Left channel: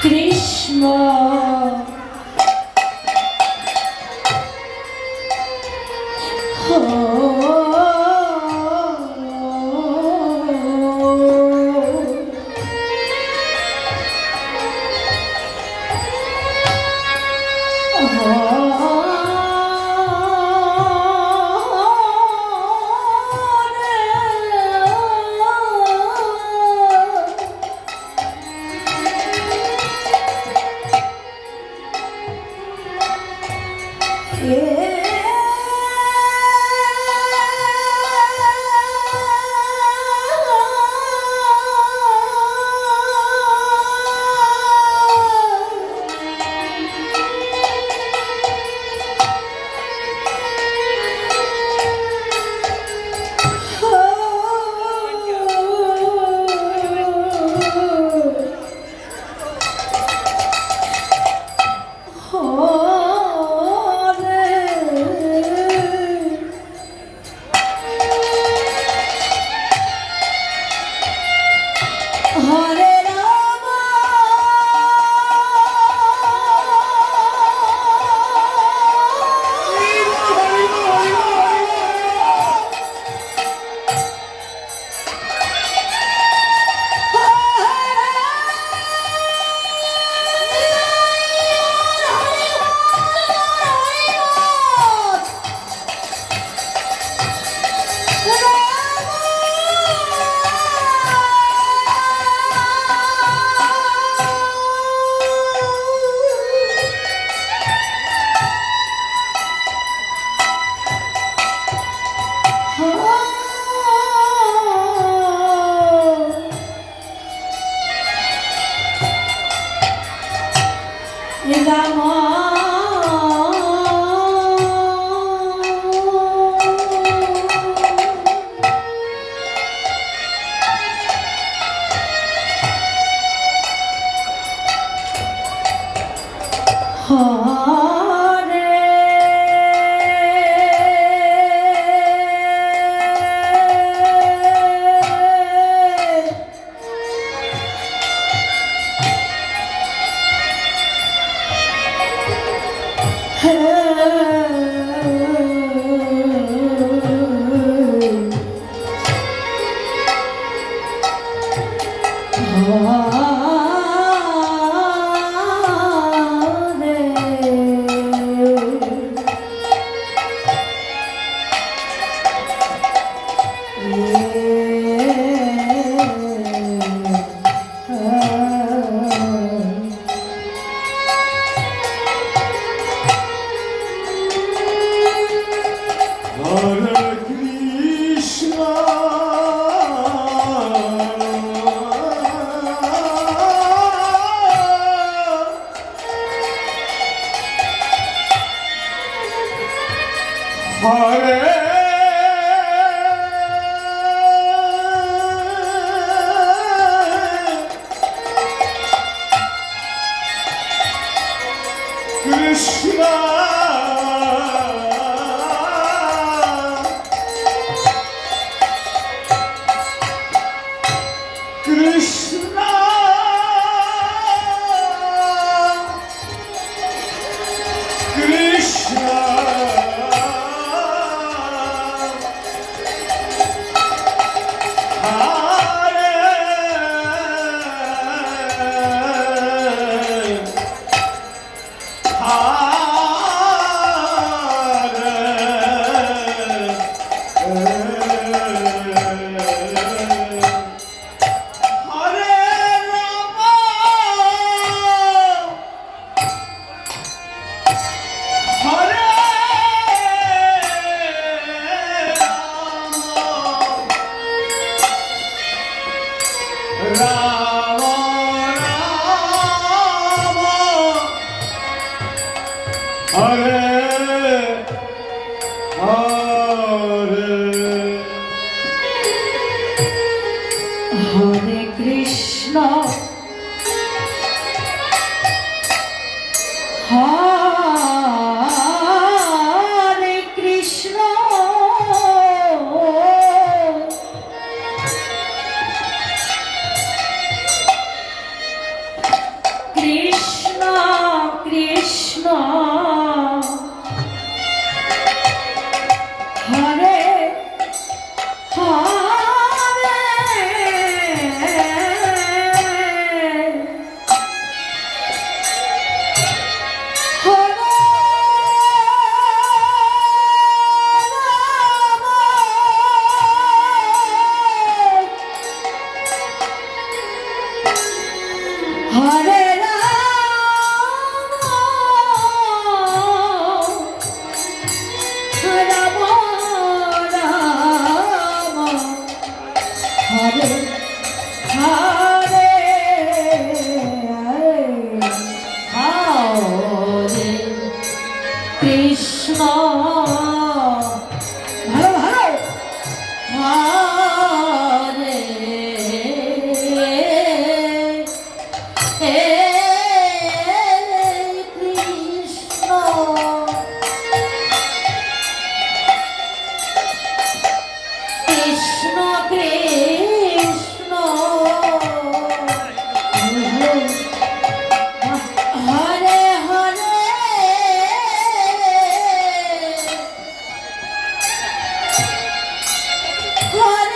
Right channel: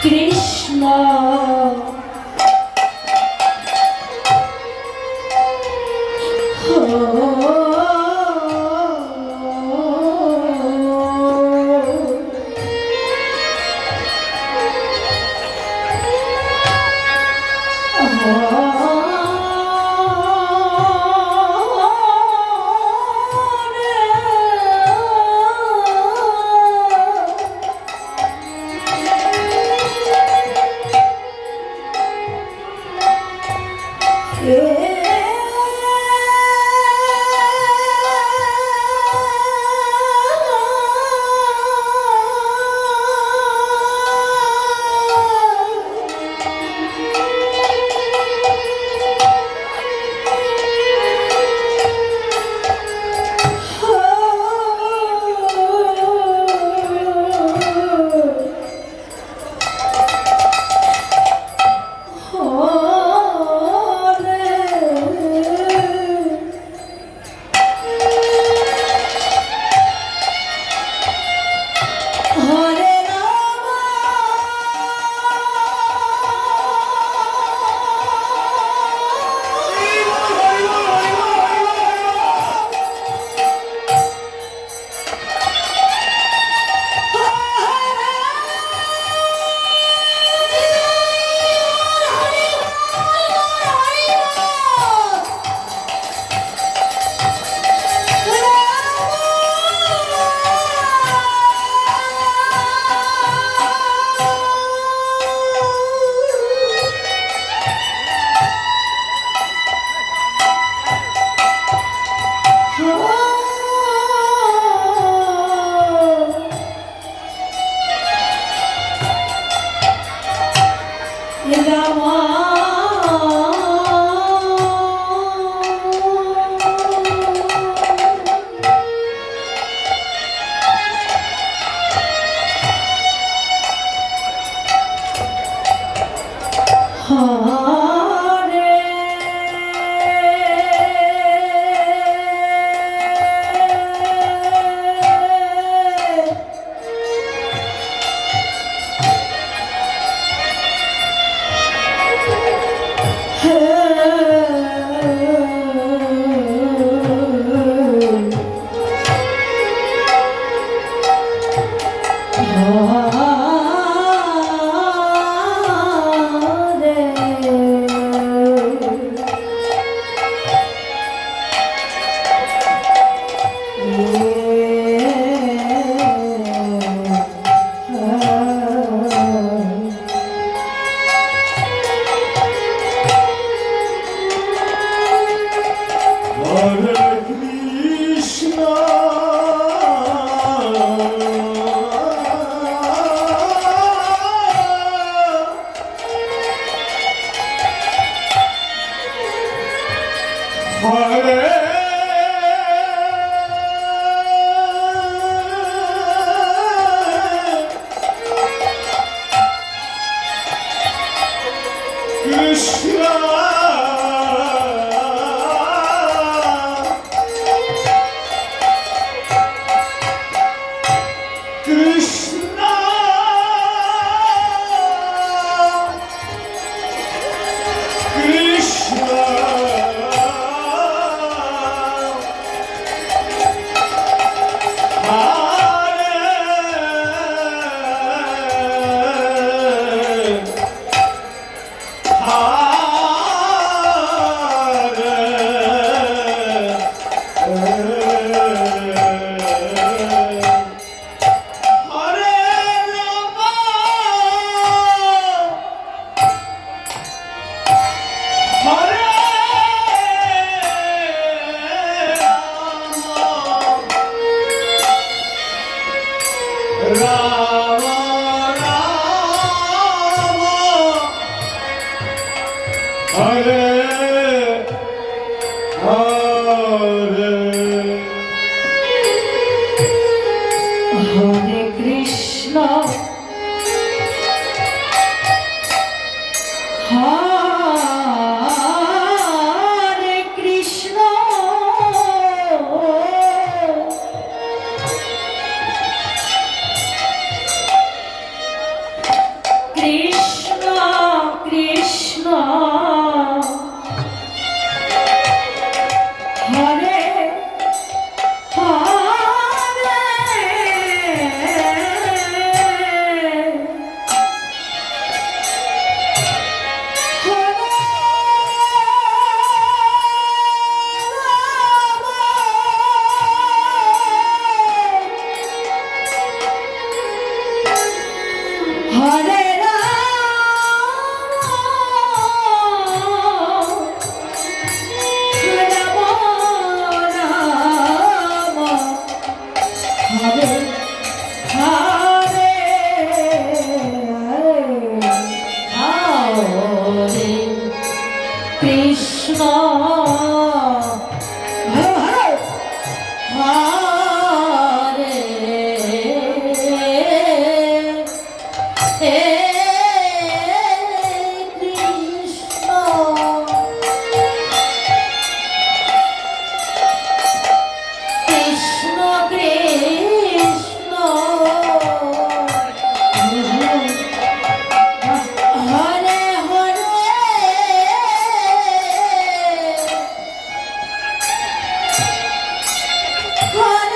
Krishna Hare 妈的！What?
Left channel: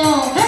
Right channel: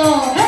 Oh.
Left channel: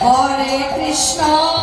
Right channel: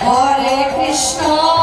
Hare Krishna